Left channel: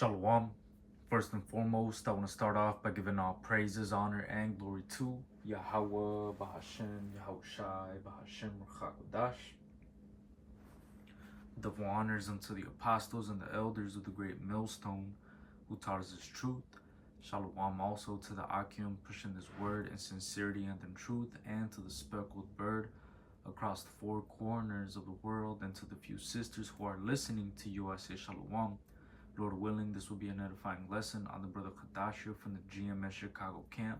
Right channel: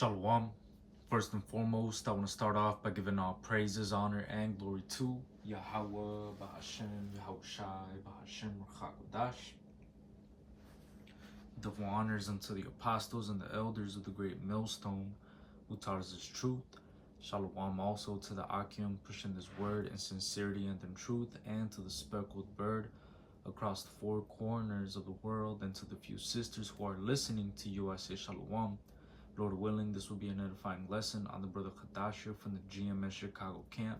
Shalom. First and foremost, I want to start off by giving all praises, honor, and glory to Yahweh, Bahashem, Yahushai, Bahashem, Ruchakodash. Double honors unto the apostles and the elders of the great millstone who taught us this truth. Shalom also to the Akim pushing this word in sincerity and in truth, and to the speckled bird across the four corners of the world, and to the few sisters who are listening to you. I say Shalom. Lord willing, this will be an edifying lesson on the brother Kadashia from the GMS Chicago camp,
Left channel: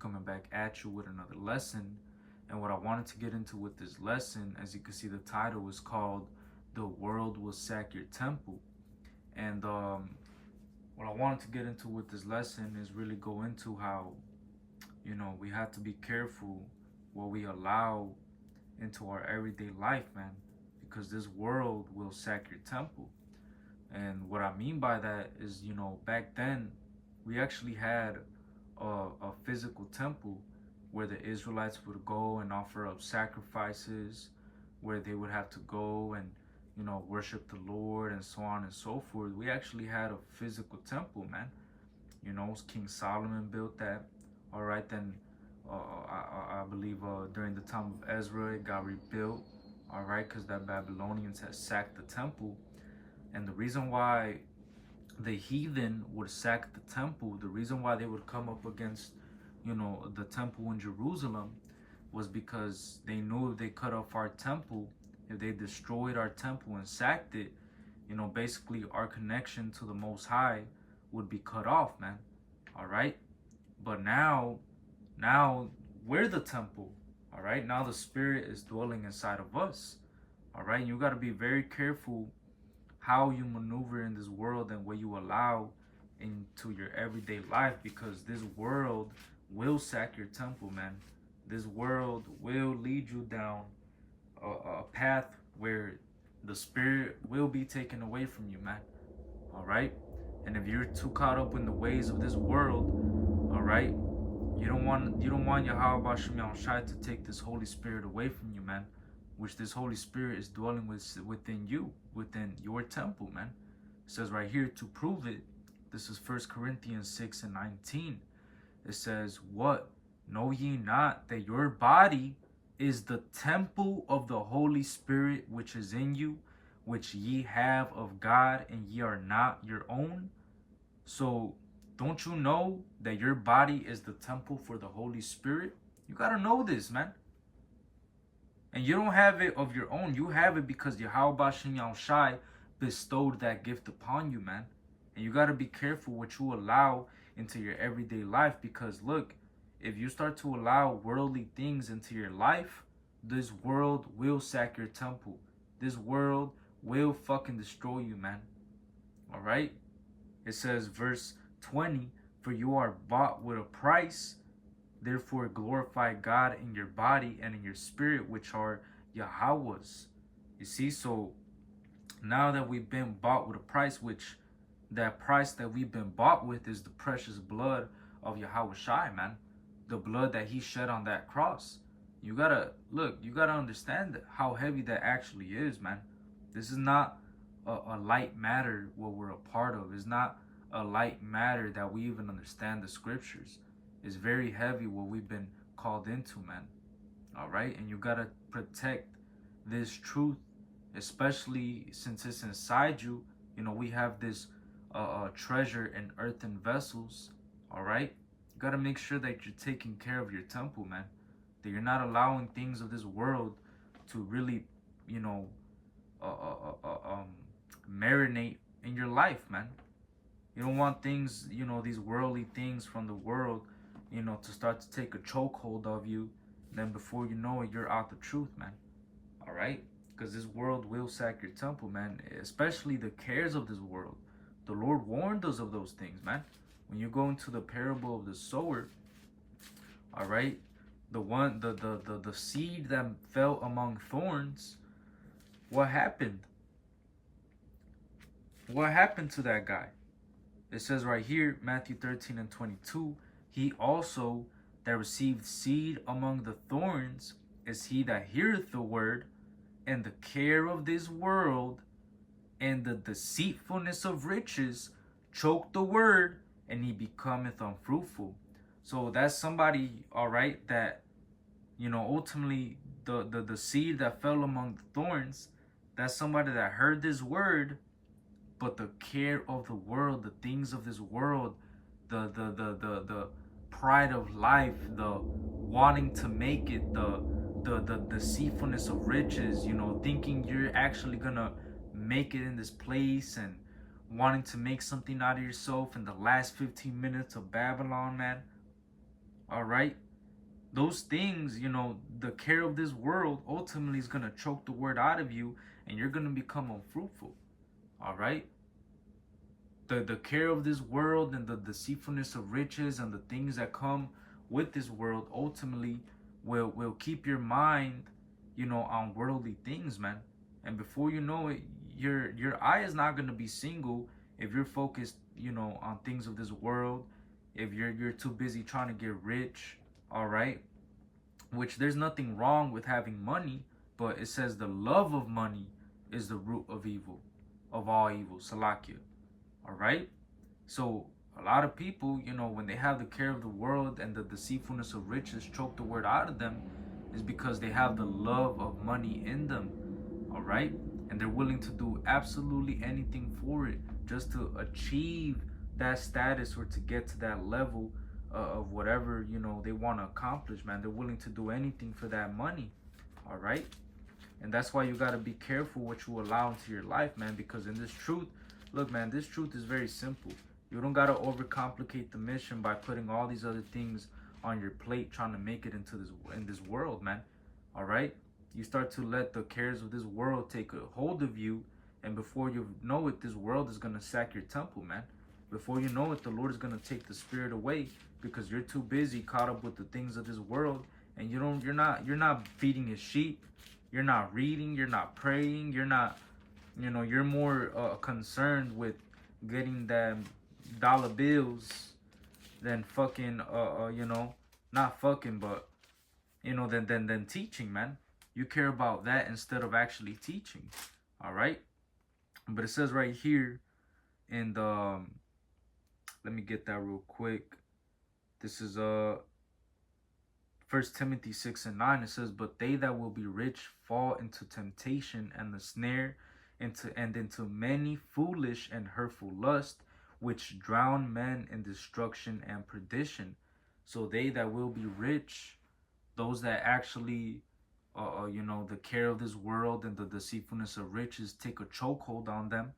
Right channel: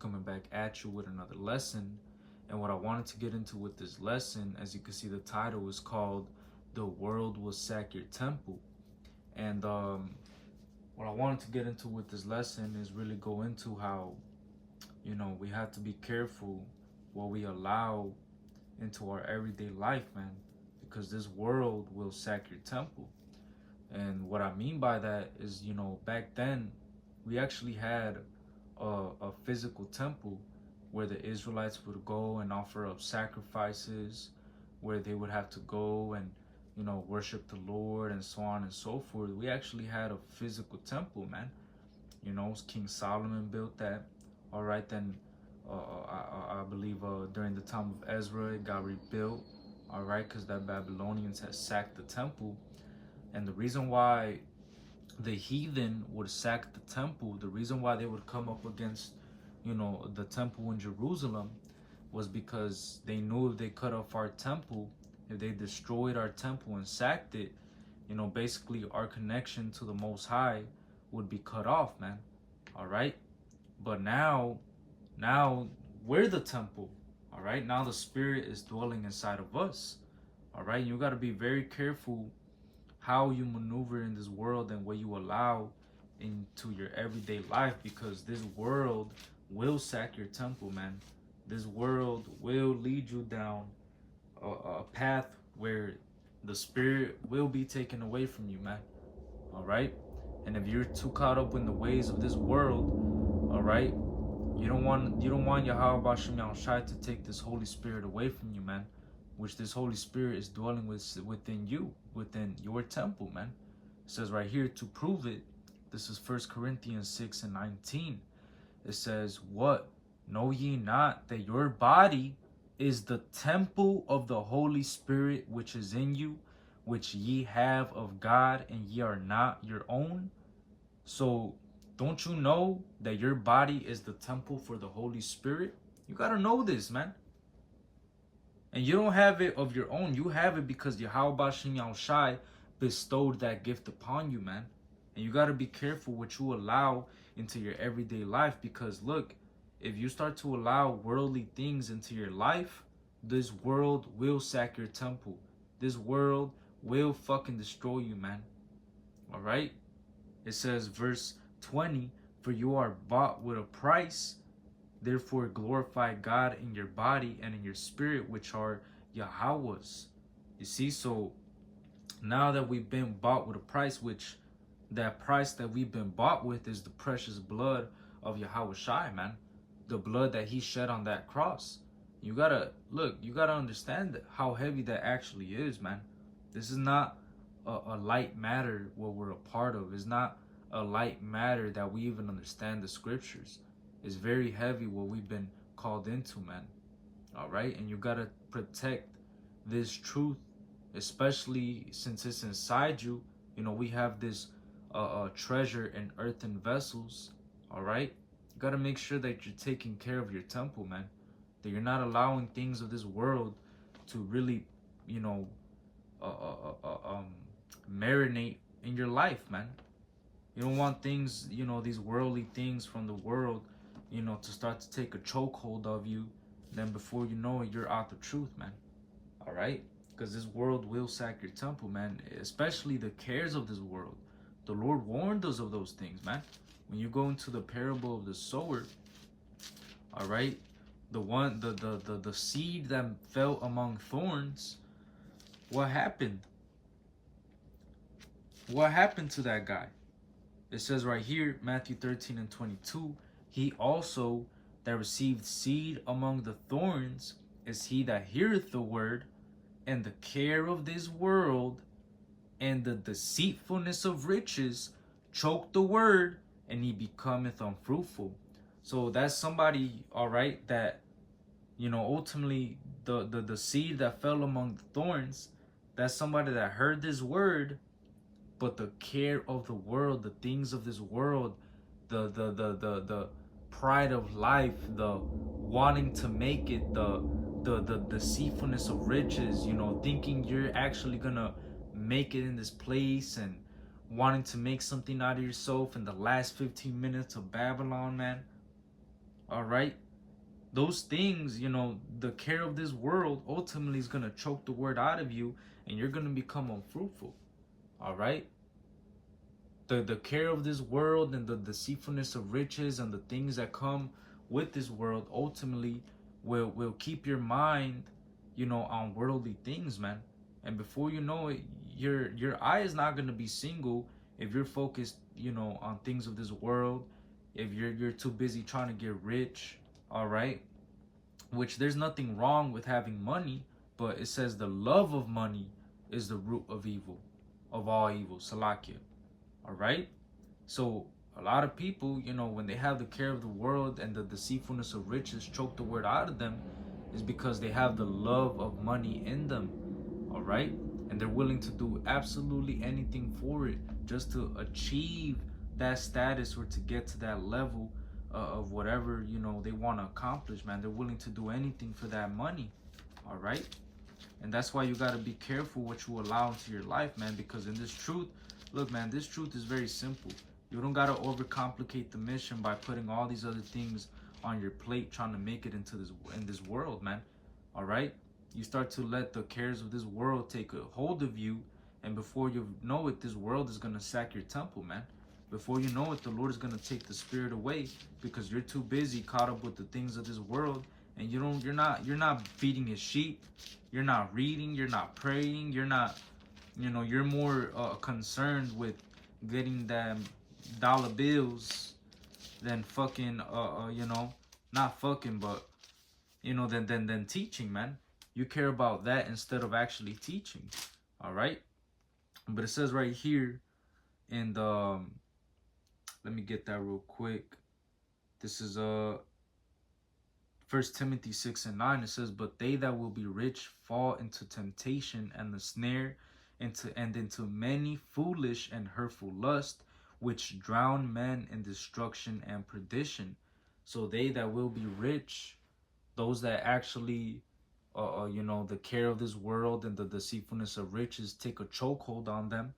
coming back at you with another lesson. And what I wanted to get into with this lesson, as you can see, the title is called "The World Will Sack Your Temple." And what I wanted to get into with this lesson is really go into how, we have to be careful what we allow into our everyday life, man, because this world will sack your temple. And what I mean by that is, back then we actually had a physical temple where the Israelites would go and offer up sacrifices, where they would have to go and, worship the Lord and so on and so forth. We actually had a physical temple, man. King Solomon built that. All right, then I believe during the time of Ezra, it got rebuilt. All right, because the Babylonians had sacked the temple. And the reason why the heathen would sack the temple, the reason why they would come up against, the temple in Jerusalem, was because they knew if they cut off our temple, if they destroyed our temple and sacked it, basically our connection to the Most High would be cut off, man. All right. But now we're the temple. All right. Now the Spirit is dwelling inside of us. All right. You got to be very careful how you maneuver in this world and what you allow into your everyday life, because this world will sack your temple, man. This world will lead you down a path where the Spirit will be taken away from you, man. All right. And if you're too caught up in the ways of this world, all right, you don't want Yahweh Bashem Yahushai to take this Holy Spirit away from you, man, which this Holy Spirit is dwelling within you, within your temple, man. It says right here to prove it. This is 1 Corinthians 6:19. It says, "What? Know ye not that your body is the temple of the Holy Spirit which is in you, which ye have of God, and ye are not your own?" So don't you know that your body is the temple for the Holy Spirit? You got to know this, man. And you don't have it of your own. You have it because Yahweh Bashem Yahushai bestowed that gift upon you, man. And you got to be careful what you allow into your everyday life, because look, if you start to allow worldly things into your life, this world will sack your temple. This world will fucking destroy you, man. All right? It says, verse 20, "For you are bought with a price. Therefore glorify God in your body and in your spirit, which are Yahweh's." You see, so now that we've been bought with a price, which that price that we've been bought with is the precious blood of Yahweh Shai, man. The blood that he shed on that cross. You gotta understand how heavy that actually is, man. This is not a light matter what we're a part of. It's not a light matter that we even understand the scriptures. It's very heavy what we've been called into, man. All right. And you got to protect this truth, especially since it's inside you. We have this treasure in earthen vessels. All right. You got to make sure that you're taking care of your temple, man. That you're not allowing things of this world to really, marinate in your life, man. You don't want things, these worldly things from the world, to start to take a chokehold of you. Then before you know it, you're out the truth, man. All right? Because this world will sack your temple, man. Especially the cares of this world. The Lord warned us of those things, man. When you go into the parable of the sower, all right, the seed that fell among thorns, what happened? What happened to that guy? It says right here, Matthew 13:22, "He also that received seed among the thorns is he that heareth the word, and the care of this world and the deceitfulness of riches choke the word, and he becometh unfruitful. So that's somebody, all right, that, ultimately the seed that fell among the thorns, that's somebody that heard this word, but the care of the world, the things of this world, the pride of life, the wanting to make it, the deceitfulness of riches, thinking you're actually gonna make it in this place, and wanting to make something out of yourself in the last 15 minutes of Babylon, man. All right, those things, the care of this world ultimately is gonna choke the word out of you, and you're gonna become unfruitful. All right, the care of this world and the deceitfulness of riches and the things that come with this world ultimately will keep your mind, on worldly things, man. And before you know it, your eye is not going to be single if you're focused, on things of this world. If you're too busy trying to get rich, all right, which there's nothing wrong with having money, but it says the love of money is the root of evil, of all evil, Salakia. All right, so a lot of people, when they have the care of the world and the deceitfulness of riches choke the word out of them, is because they have the love of money in them. All right, and they're willing to do absolutely anything for it just to achieve that status or to get to that level of whatever they want to accomplish, man. They're willing to do anything for that money. All right, and that's why you got to be careful what you allow into your life, man, because in this truth, look, man, this truth is very simple. You don't got to overcomplicate the mission by putting all these other things on your plate trying to make it into this world, man. All right, you start to let the cares of this world take a hold of you, and before you know it, this world is going to sack your temple, man. Before you know it, the Lord is going to take the spirit away because you're too busy caught up with the things of this world, and you're not feeding his sheep. You're not reading, you're not praying, you're not, you're more concerned with getting them dollar bills than fucking not fucking, but than teaching, man. You care about that instead of actually teaching. All right, but it says right here in the let me get that real quick. This is 1 Timothy 6:9. It says, but they that will be rich fall into temptation and the snare, into many foolish and hurtful lusts, which drown men in destruction and perdition. So they that will be rich, those that actually the care of this world and the deceitfulness of riches take a chokehold on them.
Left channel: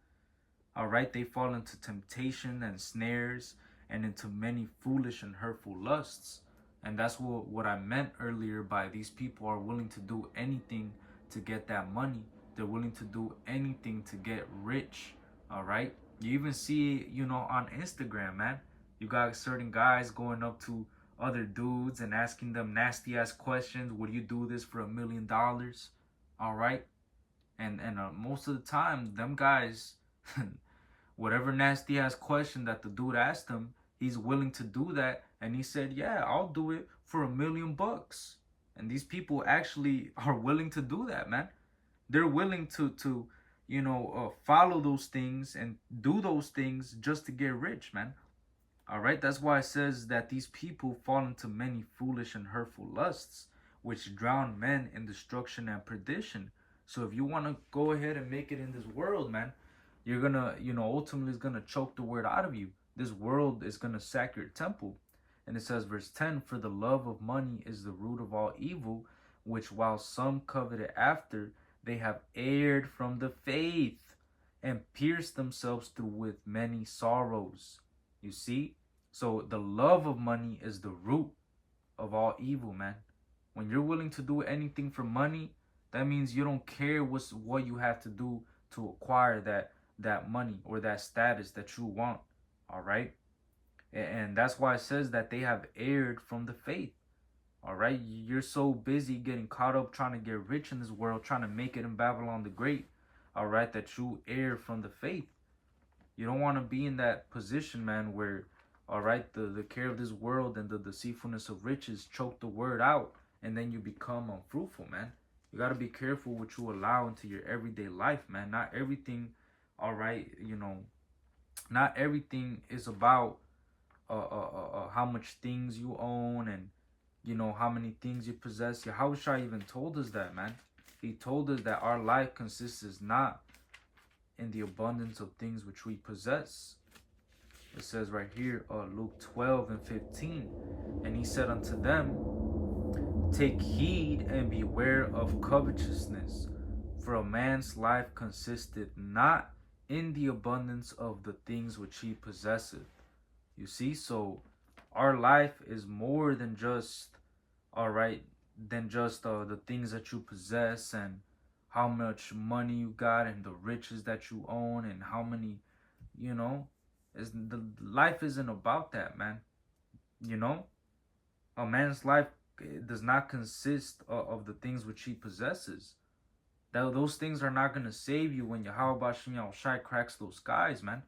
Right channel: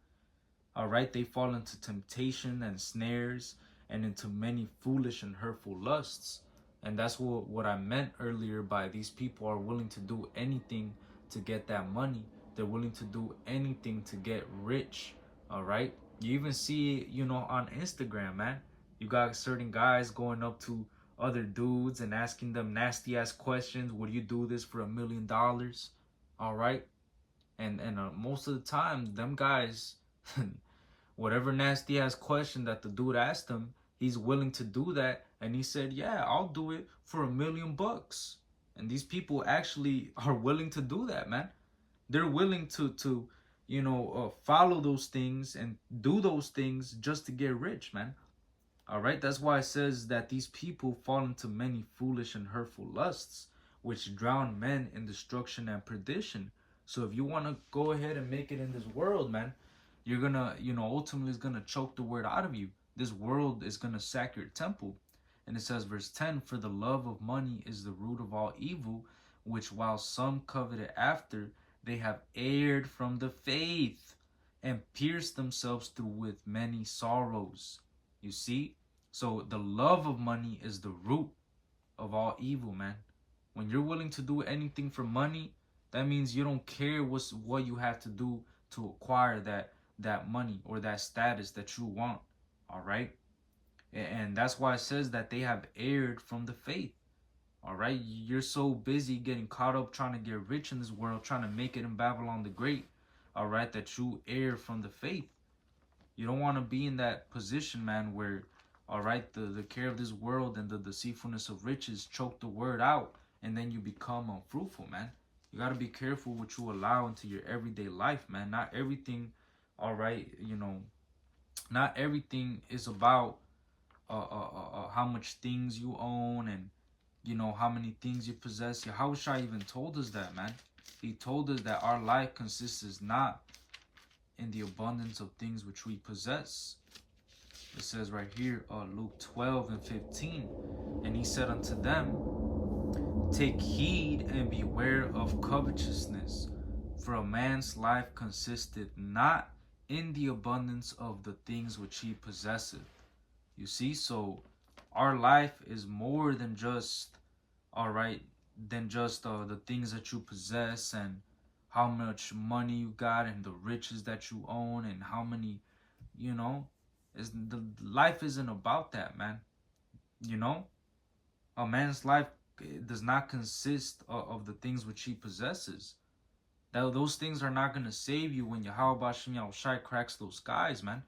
All right, they fall into temptation and snares and into many foolish and hurtful lusts. And that's what I meant earlier by these people are willing to do anything to get that money. They're willing to do anything to get rich. All right, you even see it, on Instagram, man. You got certain guys going up to other dudes and asking them nasty ass questions. Would you do this for $1 million? All right, and most of the time, them guys, whatever nasty ass question that the dude asked him, he's willing to do that. And he said, yeah, I'll do it for $1 million. And these people actually are willing to do that, man. They're willing to follow those things and do those things just to get rich, man. All right, that's why it says that these people fall into many foolish and hurtful lusts, which drown men in destruction and perdition. So if you want to go ahead and make it in this world, man, you're gonna, ultimately is gonna choke the word out of you. This world is gonna sack your temple. And it says, verse 10, for the love of money is the root of all evil, which while some coveted after, they have erred from the faith and pierced themselves through with many sorrows. You see? So the love of money is the root of all evil, man. When you're willing to do anything for money, that means you don't care what you have to do to acquire that money or that status that you want. All right, and that's why it says that they have erred from the faith. All right, you're so busy getting caught up trying to get rich in this world, trying to make it in Babylon the Great, all right, that you err from the faith. You don't want to be in that position, man, where, all right, the care of this world and the deceitfulness of riches choke the word out, and then you become unfruitful, man. You got to be careful what you allow into your everyday life, man. Not everything, all right, Not everything is about how much things you own and how many things you possess. Yahushua even told us that, man. He told us that our life consists not in the abundance of things which we possess. It says right here, Luke 12:15, and he said unto them, take heed and beware of covetousness, for a man's life consisteth not in the abundance of the things which he possesseth. You see, so our life is more than just, all right, the things that you possess and how much money you got and the riches that you own and how many, you know, is the life isn't about that, man. You know, a man's life does not consist of the things which he possesses. Those things are not gonna save you when Yahweh Bashem Yahushai cracks those skies, man.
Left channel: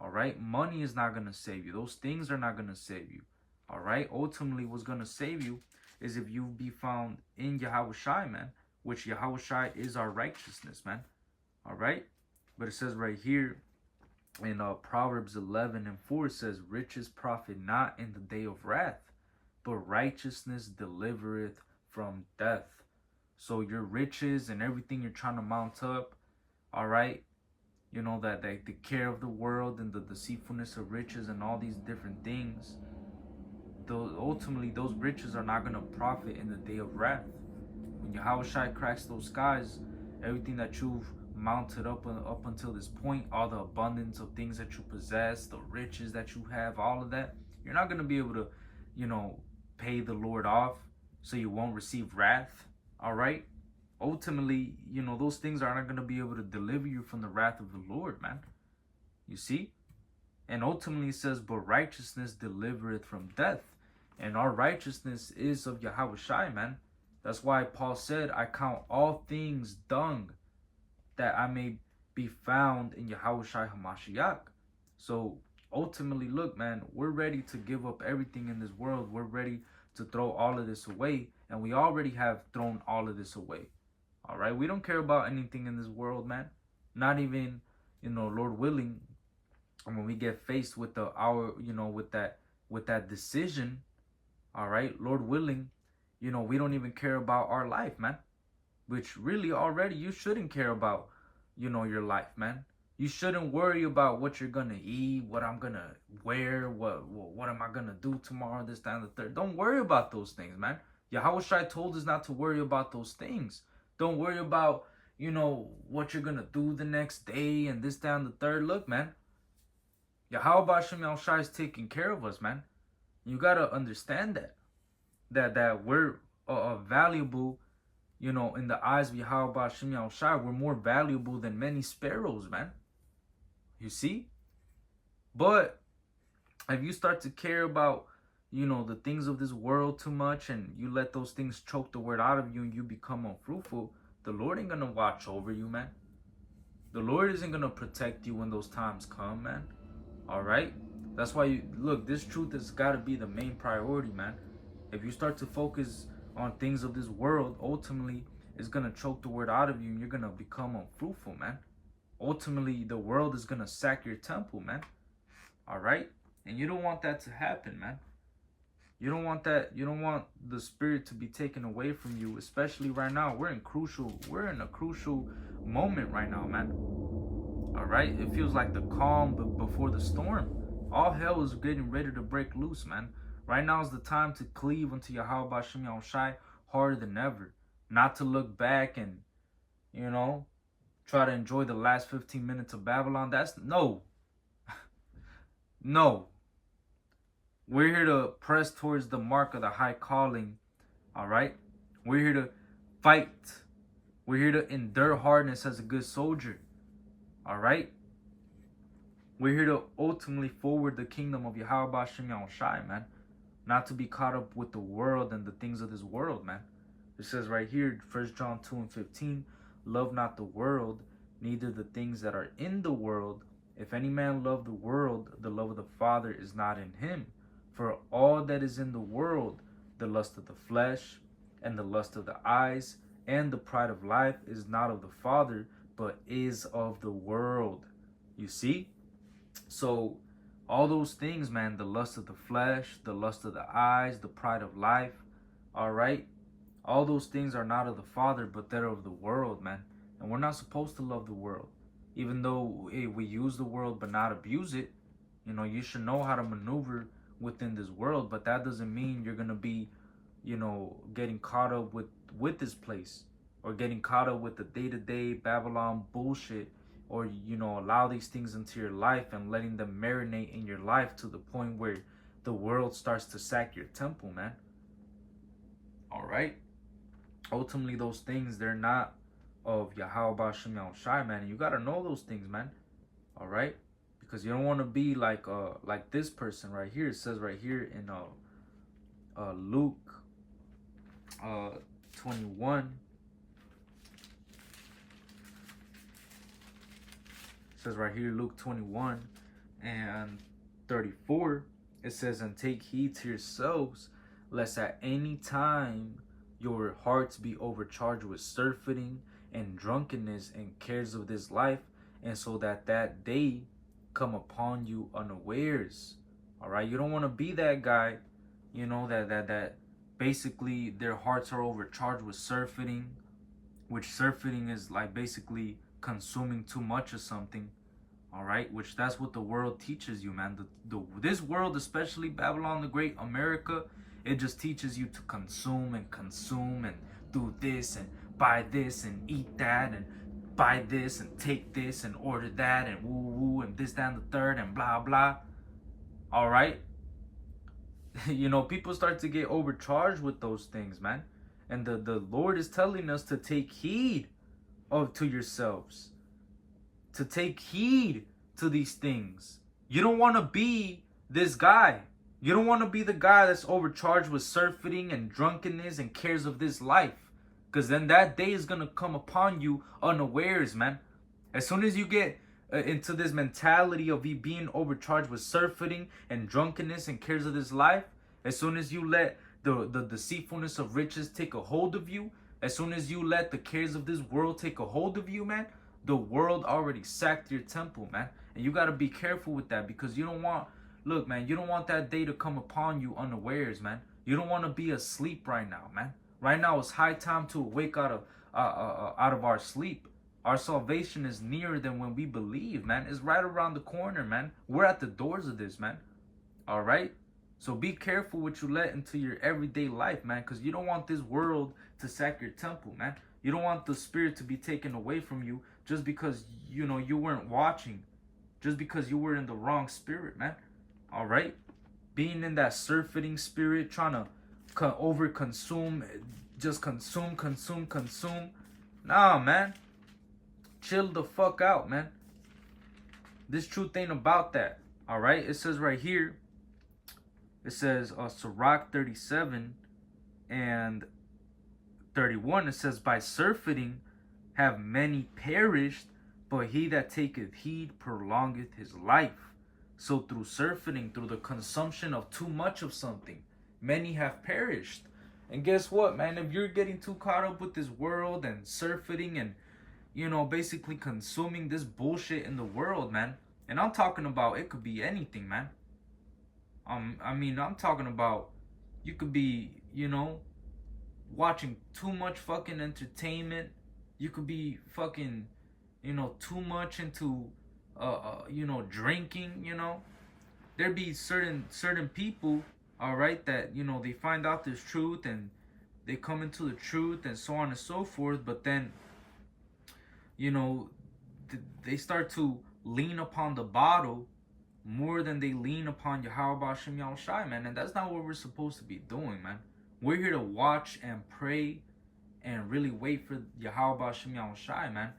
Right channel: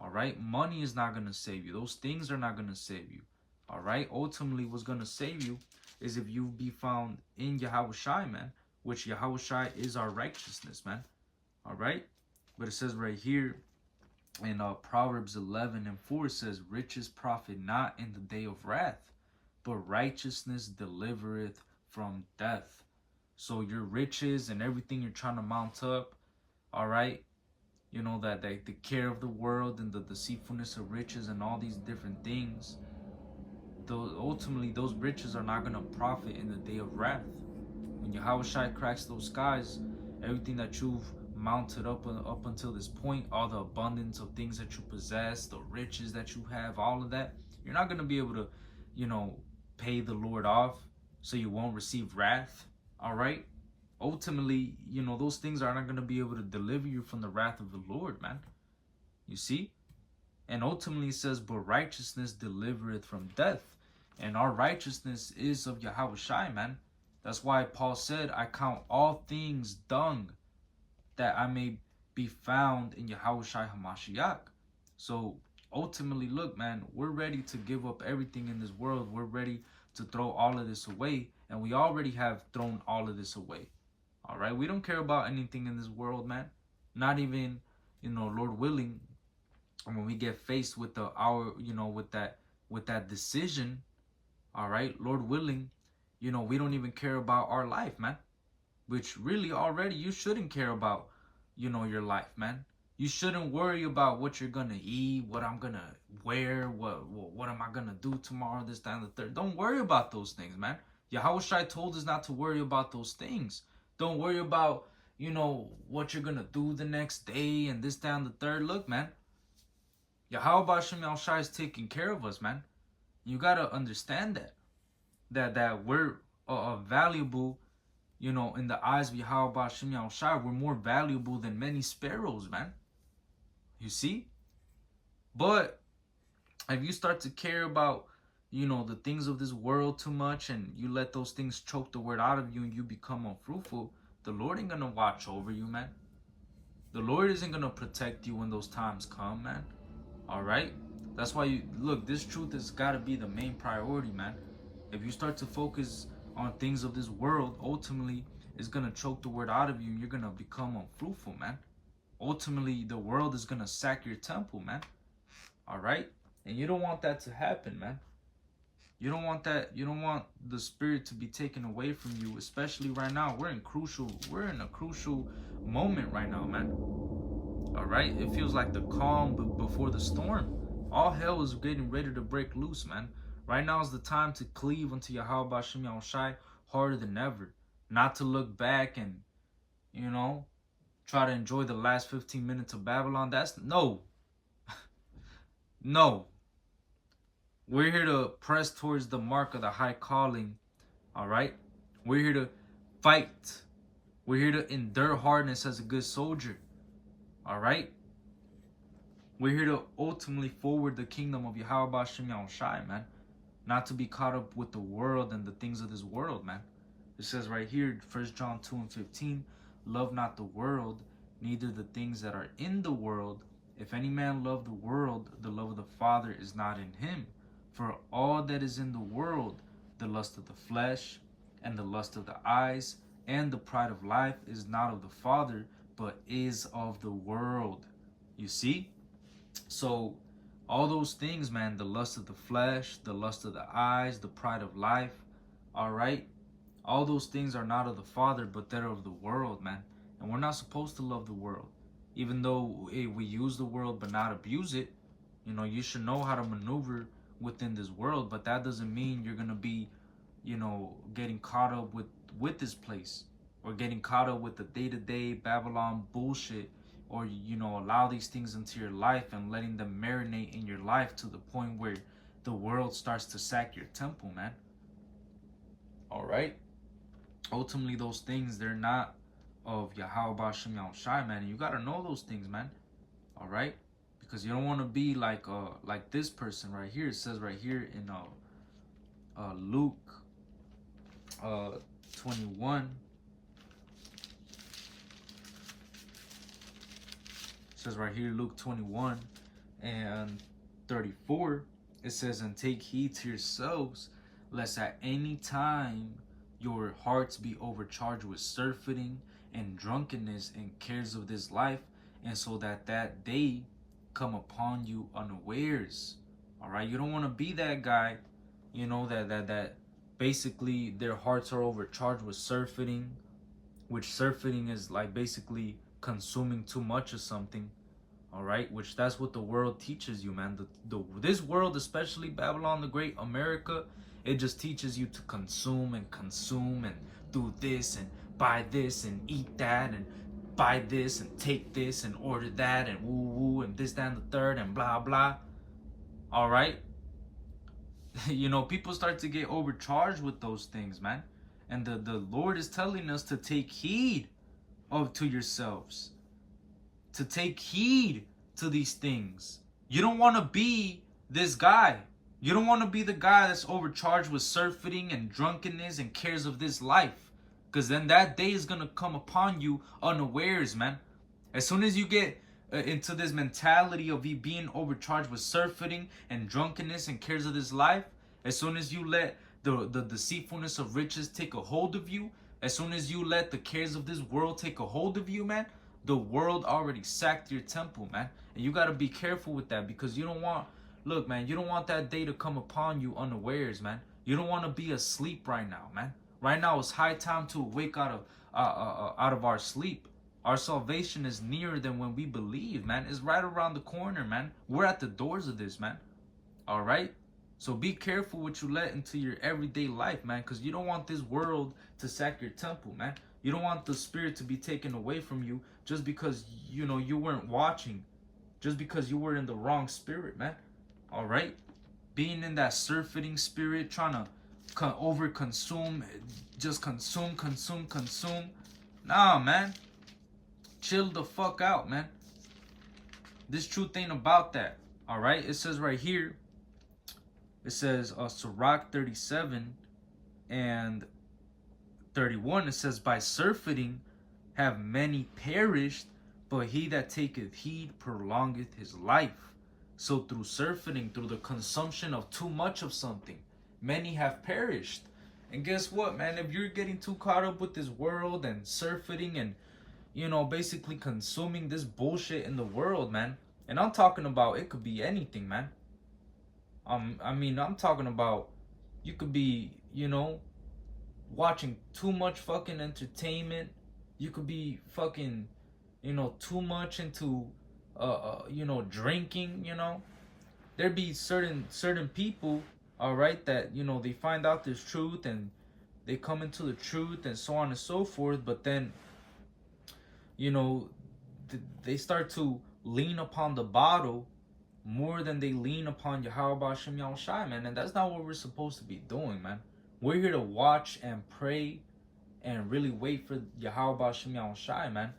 All right, money is not gonna save you. Those things are not gonna save you. All right, ultimately, what's gonna save you is if you be found in Yahushai, man, which Yahushai is our righteousness, man. All right, but it says right here in Proverbs 11:4, it says, riches profit not in the day of wrath, but righteousness delivereth from death. So your riches and everything you're trying to mount up, all right, that the care of the world and the deceitfulness of riches and all these different things, ultimately those riches are not going to profit in the day of wrath. When Yahushua cracks those skies, everything that you've mounted up until this point, all the abundance of things that you possess, the riches that you have, all of that, you're not going to be able to, pay the Lord off, so you won't receive wrath. All right. Ultimately, those things are not going to be able to deliver you from the wrath of the Lord, man. You see? And ultimately it says, but righteousness delivereth from death. And our righteousness is of Yahushai, man. That's why Paul said, I count all things dung, that I may be found in Yahushai HaMashiach. So ultimately, look, man, we're ready to give up everything in this world. We're ready to throw all of this away. And we already have thrown all of this away. All right? We don't care about anything in this world, man. Not even, Lord willing, when we get faced with with that decision, all right, Lord willing, we don't even care about our life, man. Which really already you shouldn't care about, your life, man. You shouldn't worry about what you're gonna eat, what I'm gonna wear, what am I gonna do tomorrow, this, that, and the third. Don't worry about those things, man. Yahushua told us not to worry about those things. Don't worry about, what you're gonna do the next day and this, that, and the third. Look, man, Yahweh Bashem Yahushua is taking care of us, man. You gotta understand that we're valuable, in the eyes of Yahweh Bashem Yahushua. We're more valuable than many sparrows, man. You see? But if you start to care about, the things of this world too much, and you let those things choke the word out of you and you become unfruitful, the Lord ain't gonna watch over you, man. The Lord isn't gonna protect you when those times come, man. All right? That's why look, this truth has got to be the main priority, man. If you start to focus on things of this world, ultimately it's going to choke the word out of you and you're going to become unfruitful, man. Ultimately, the world is going to sack your temple, man. All right? And you don't want that to happen, man. You don't want that. You don't want the spirit to be taken away from you, especially right now. We're in a crucial moment right now, man. All right? It feels like the calm before the storm. All hell is getting ready to break loose, man. Right now is the time to cleave unto Yahweh Bashem Yahushai harder than ever. Not to look back and, try to enjoy the last 15 minutes of Babylon. No. No. We're here to press towards the mark of the high calling. All right? We're here to fight. We're here to endure hardness as a good soldier. All right? We're here to ultimately forward the kingdom of Yahweh Bashem Yahushai, man. Not to be caught up with the world and the things of this world, man. It says right here, 1 John 2:15, love not the world, neither the things that are in the world. If any man love the world, the love of the Father is not in him. For all that is in the world, the lust of the flesh, and the lust of the eyes, and the pride of life is not of the Father, but is of the world. You see? So all those things, man, the lust of the flesh, the lust of the eyes, the pride of life, all right? All those things are not of the Father, but they're of the world, man. And we're not supposed to love the world. Even though we use the world but not abuse it, you know, you should know how to maneuver within this world, but that doesn't mean you're going to be, you know, getting caught up with this place, or getting caught up with the day-to-day Babylon bullshit, or, you know, allow these things into your life and letting them marinate in your life to the point where the world starts to sack your temple, man. All right? Ultimately, those things, they're not of Yahweh Bashem Yahushai, man. And you got to know those things, man. All right? Because you don't want to be like this person right here. It says right here in Luke 21. It says right here, Luke 21 and 34. It says, and take heed to yourselves, lest at any time your hearts be overcharged with surfeiting and drunkenness and cares of this life, and so that day come upon you unawares. All right, you don't want to be that guy, you know, that basically their hearts are overcharged with surfeiting, which surfeiting is like basically consuming too much of something. All right, which that's what the world teaches you, man. This world, especially Babylon the Great, America, it just teaches you to consume and do this and buy this and eat that and buy this and take this and order that and woo woo and this, that, and the third and blah blah. All right, you know, people start to get overcharged with those things, man. And the Lord is telling us to take heed to yourselves, to take heed to these things. You don't want to be this guy. You don't want to be the guy that's overcharged with surfeiting and drunkenness and cares of this life. Because then that day is going to come upon you unawares, man. As soon as you get into this mentality of you being overcharged with surfeiting and drunkenness and cares of this life, as soon as you let the deceitfulness of riches take a hold of you, as soon as you let the cares of this world take a hold of you, man, the world already sacked your temple, man. And you got to be careful with that, because you don't want, look, man, you don't want that day to come upon you unawares, man. You don't want to be asleep right now, man. Right now it's high time to wake out of our sleep. Our salvation is nearer than when we believe, man. It's right around the corner, man. We're at the doors of this, man. All right? So be careful what you let into your everyday life, man, because you don't want this world to sack your temple, man. You don't want the spirit to be taken away from you just because, you know, you weren't watching, just because you were in the wrong spirit, man. All right? Being in that surfeiting spirit, trying to over-consume, just consume. Nah, man. Chill the fuck out, man. This truth ain't about that. All right? It says right here, it says Sirach 37 and 31, it says, by surfeiting have many perished, but he that taketh heed prolongeth his life. So through surfeiting, through the consumption of too much of something, many have perished. And guess what, man? If you're getting too caught up with this world and surfeiting and, you know, basically consuming this bullshit in the world, man. And I'm talking about, it could be anything, man. I mean, I'm talking about, you could be, you know, watching too much fucking entertainment. You could be fucking, you know, too much into you know, drinking, you know. There be certain people, all right, that, you know, they find out this truth and they come into the truth and so on and so forth, but then, you know, they start to lean upon the bottle more than they lean upon Yahweh Bashem Yahushai, man. And that's not what we're supposed to be doing, man. We're here to watch and pray and really wait for Yahweh Bashem Yahushai, man.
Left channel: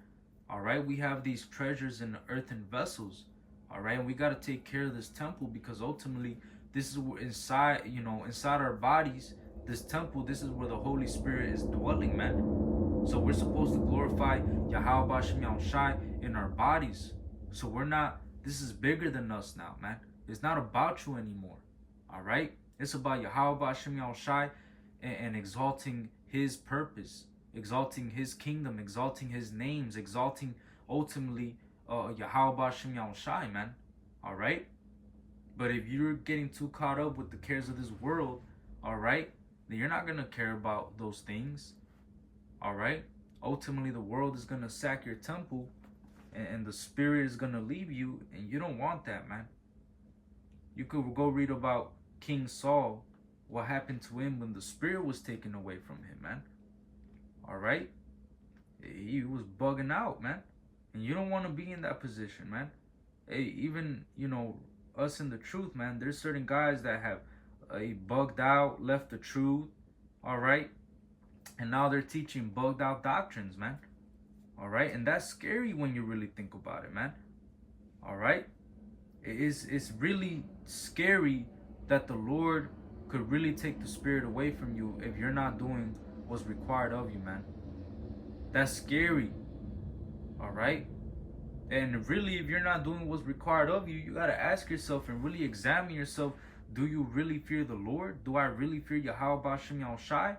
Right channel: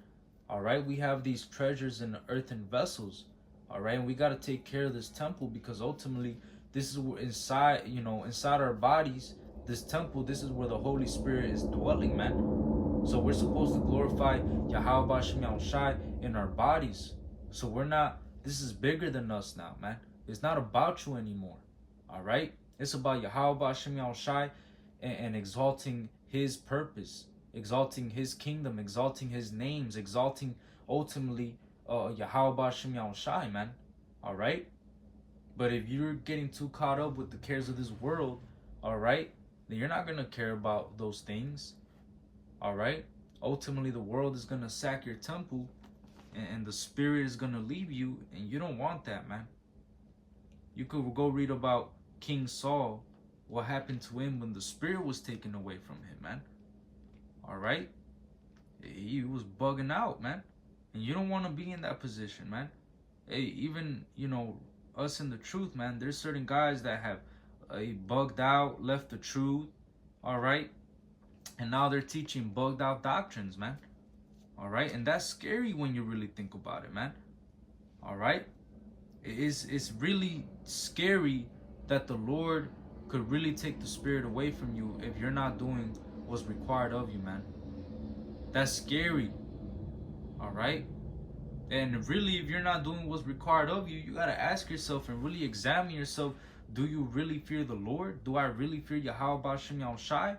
All right, we have these treasures in earthen vessels. All right, and we got to take care of this temple, because ultimately this is where inside, you know, inside our bodies, this temple, this is where the Holy Spirit is dwelling, man. So we're supposed to glorify Yahweh Bashem Yahushai in our bodies. So we're not, this is bigger than us now, man. It's not about you anymore. All right, it's about Yahweh Bashem Yahushai and exalting his purpose, exalting his kingdom, exalting his names, exalting ultimately Yahweh Bashem Yahushai, man. All right. But if you're getting too caught up with the cares of this world, all right, then you're not going to care about those things. All right. Ultimately, the world is going to sack your temple, and the spirit is going to leave you. And you don't want that, man. You could go read about King Saul, what happened to him when the spirit was taken away from him, man. All right. He was bugging out, man. And you don't want to be in that position, man. Hey, even, us in the truth, man, there's certain guys that have bugged out, left the truth, all right? And now they're teaching bugged out doctrines, man. All right? And that's scary when you really think about it, man. All right? It's really scary that the Lord could really take the spirit away from you if you're not doing what's required of you, man. That's scary. All right? And really, if you're not doing what's required of you, you got to ask yourself and really examine yourself. Do you really fear the Lord? Do I really fear Yahweh B'Shem Yahushai?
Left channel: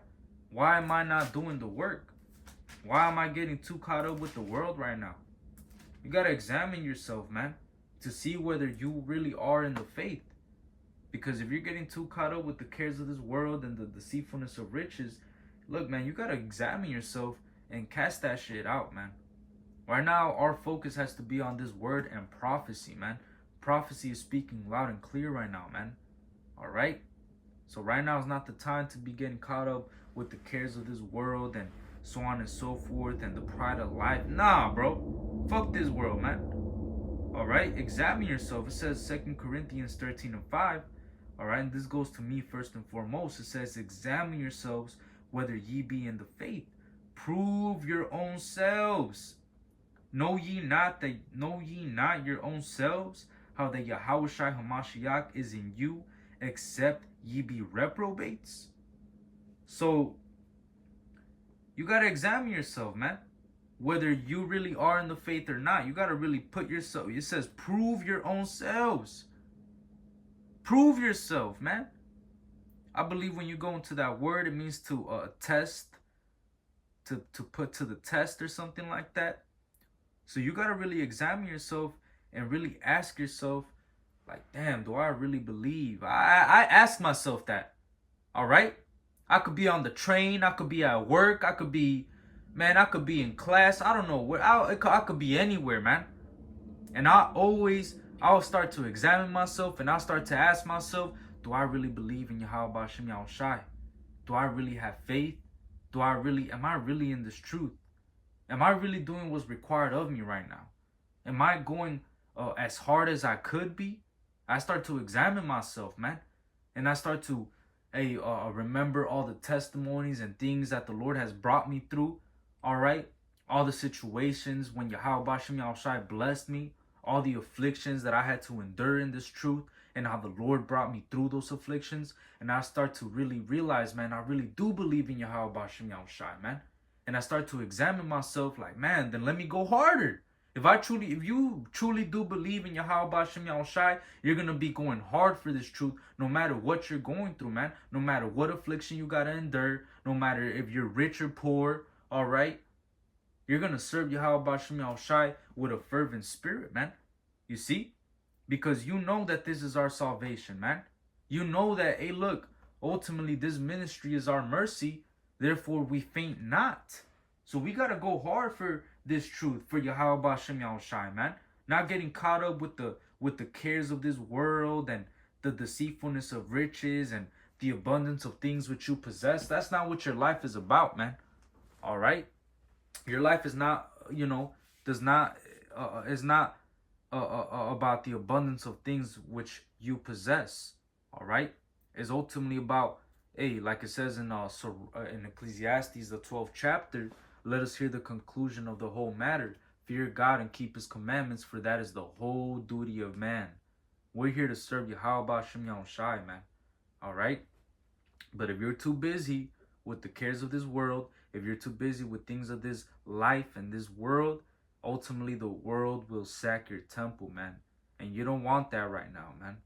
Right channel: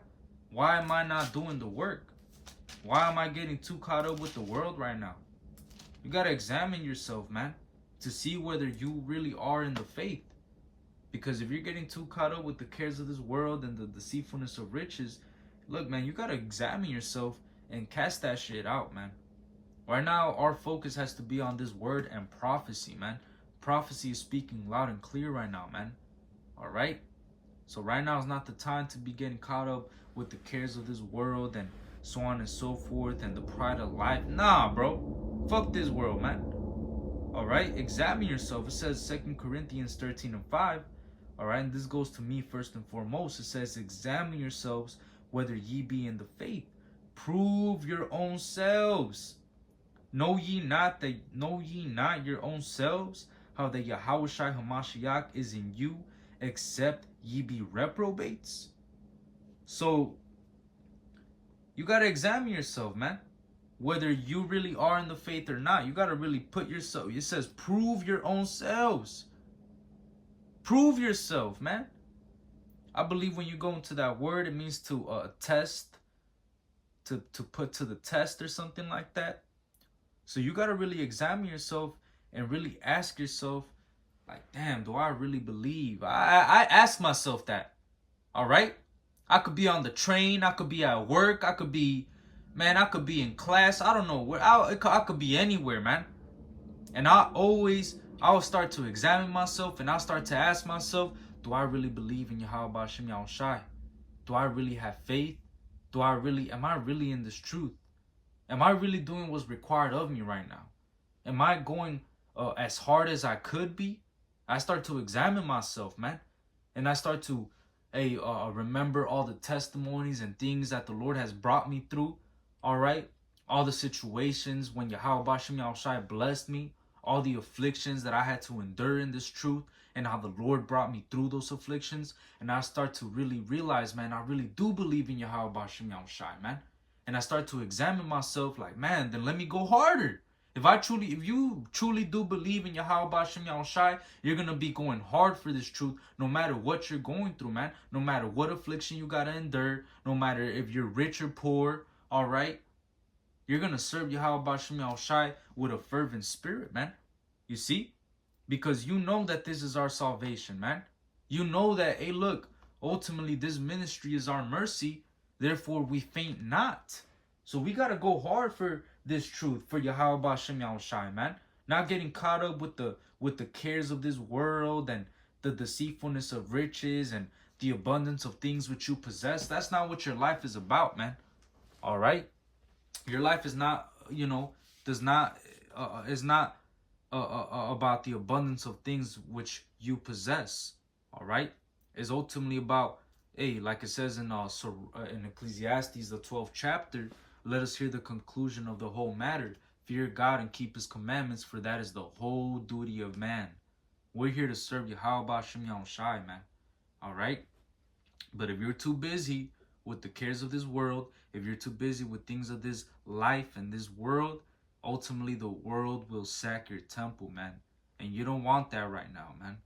Why am I not doing the work? Why am I getting too caught up with the world right now? You got to examine yourself, man, to see whether you really are in the faith. Because if you're getting too caught up with the cares of this world and the deceitfulness of riches, look, man, you got to examine yourself and cast that shit out, man. Right now, our focus has to be on this word and prophecy, man. Prophecy is speaking loud and clear right now, man. All right? So right now is not the time to be getting caught up with the cares of this world and so on and so forth and the pride of life. Nah, bro. Fuck this world, man. All right? Examine yourself. It says 2 Corinthians 13:5. All right? And this goes to me first and foremost. It says, examine yourselves whether ye be in the faith. Prove your own selves. Know ye not your own selves, how that Yahushua HaMashiach is in you, except ye be reprobates? So, you got to examine yourself, man. Whether you really are in the faith or not. You got to really put yourself. It says, prove your own selves. Prove yourself, man. I believe when you go into that word, it means to test, to put to the test or something like that. So you got to really examine yourself and really ask yourself, like, damn, do I really believe? I ask myself that, all right? I could be on the train. I could be at work. I could be in class. I don't know where. I could be anywhere, man. And I'll start to examine myself and I'll start to ask myself, do I really believe in Yahweh B'Shem Yahushai? Do I really have faith? Am I really in this truth? Am I really doing what's required of me right now? Am I going as hard as I could be? I start to examine myself, man. And I start to remember all the testimonies and things that the Lord has brought me through. All right? All the situations when Yahweh B'Shem Yahushai blessed me. All the afflictions that I had to endure in this truth. And how the Lord brought me through those afflictions. And I start to really realize, man, I really do believe in Yahweh B'Shem Yahushai, man. And I start to examine myself like, man, then let me go harder. If you truly do believe in Yahweh B'Shem Yahushai, you're going to be going hard for this truth no matter what you're going through, man. No matter what affliction you got to endure, no matter if you're rich or poor, all right? You're going to serve Yahweh B'Shem Yahushai with a fervent spirit, man. You see? Because you know that this is our salvation, man. You know that, hey, look, ultimately this ministry is our mercy. Therefore, we faint not. So we got to go hard for this truth, for Yahweh B'Shem Yahushai, man. Not getting caught up with the cares of this world and the deceitfulness of riches and the abundance of things which you possess. That's not what your life is about, man. All right? Your life is not, is not about the abundance of things which you possess. All right? It's ultimately about, hey, like it says in Ecclesiastes, the 12th chapter, let us hear the conclusion of the whole matter. Fear God and keep his commandments, for that is the whole duty of man. We're here to serve Yahweh B'Shem Yahushai, man. All right? But if you're too busy with the cares of this world, if you're too busy with things of this life and this world, ultimately the world will sack your temple, man. And you don't want that right now, man.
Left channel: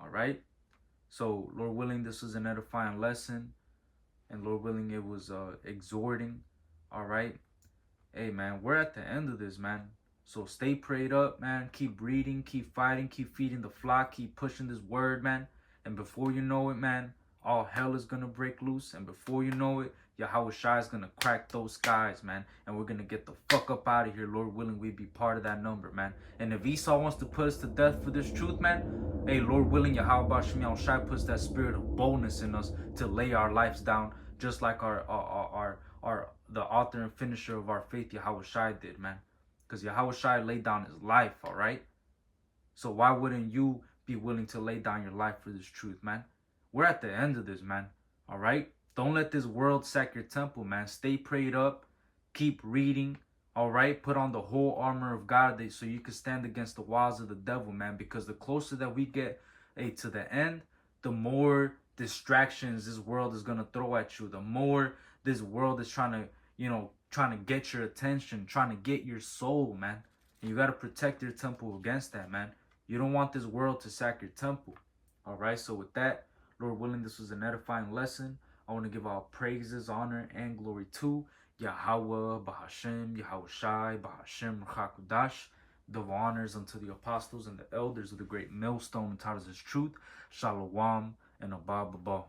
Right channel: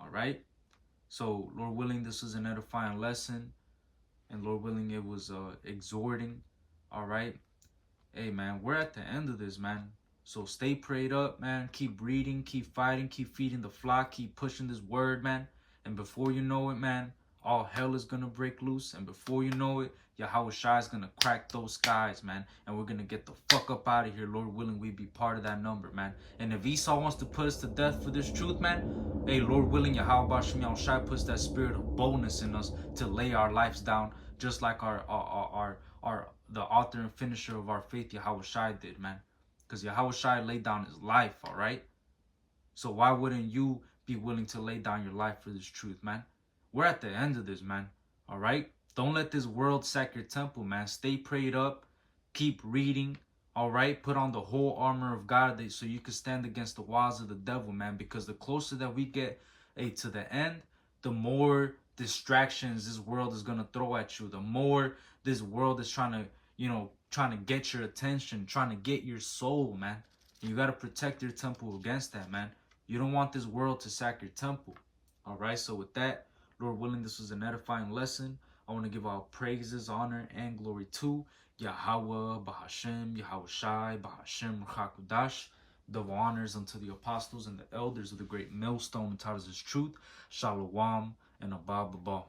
All right? So, Lord willing, this was an edifying lesson. And Lord willing, it was exhorting. All right? Hey, man, we're at the end of this, man. So stay prayed up, man. Keep reading, keep fighting, keep feeding the flock, keep pushing this word, man. And before you know it, man, all hell is gonna break loose. And before you know it, Yahweh Shai is gonna crack those skies, man. And we're gonna get the fuck up out of here. Lord willing, we be part of that number, man. And if Esau wants to put us to death for this truth, man, hey, Lord willing, Yahweh Bashem Shai puts that spirit of boldness in us to lay our lives down, just like our the author and finisher of our faith, Yahweh Shai, did, man. Because Yahweh Shai laid down his life, all right? So why wouldn't you be willing to lay down your life for this truth, man? We're at the end of this, man, all right? Don't let this world sack your temple, man. Stay prayed up. Keep reading, all right? Put on the whole armor of God so you can stand against the wiles of the devil, man. Because the closer that we get to the end, the more distractions this world is going to throw at you. The more this world is trying to get your attention, trying to get your soul, man. And you got to protect your temple against that, man. You don't want this world to sack your temple. All right, so with that, Lord willing, this was an edifying lesson. I want to give all praises, honor, and glory to Yahweh, Bahashem, Yahweh Shai, Bahashem, Ruchakudash. Double honors unto the apostles and the elders of the great millstone and taught us his truth. Shalom and Abba Baba.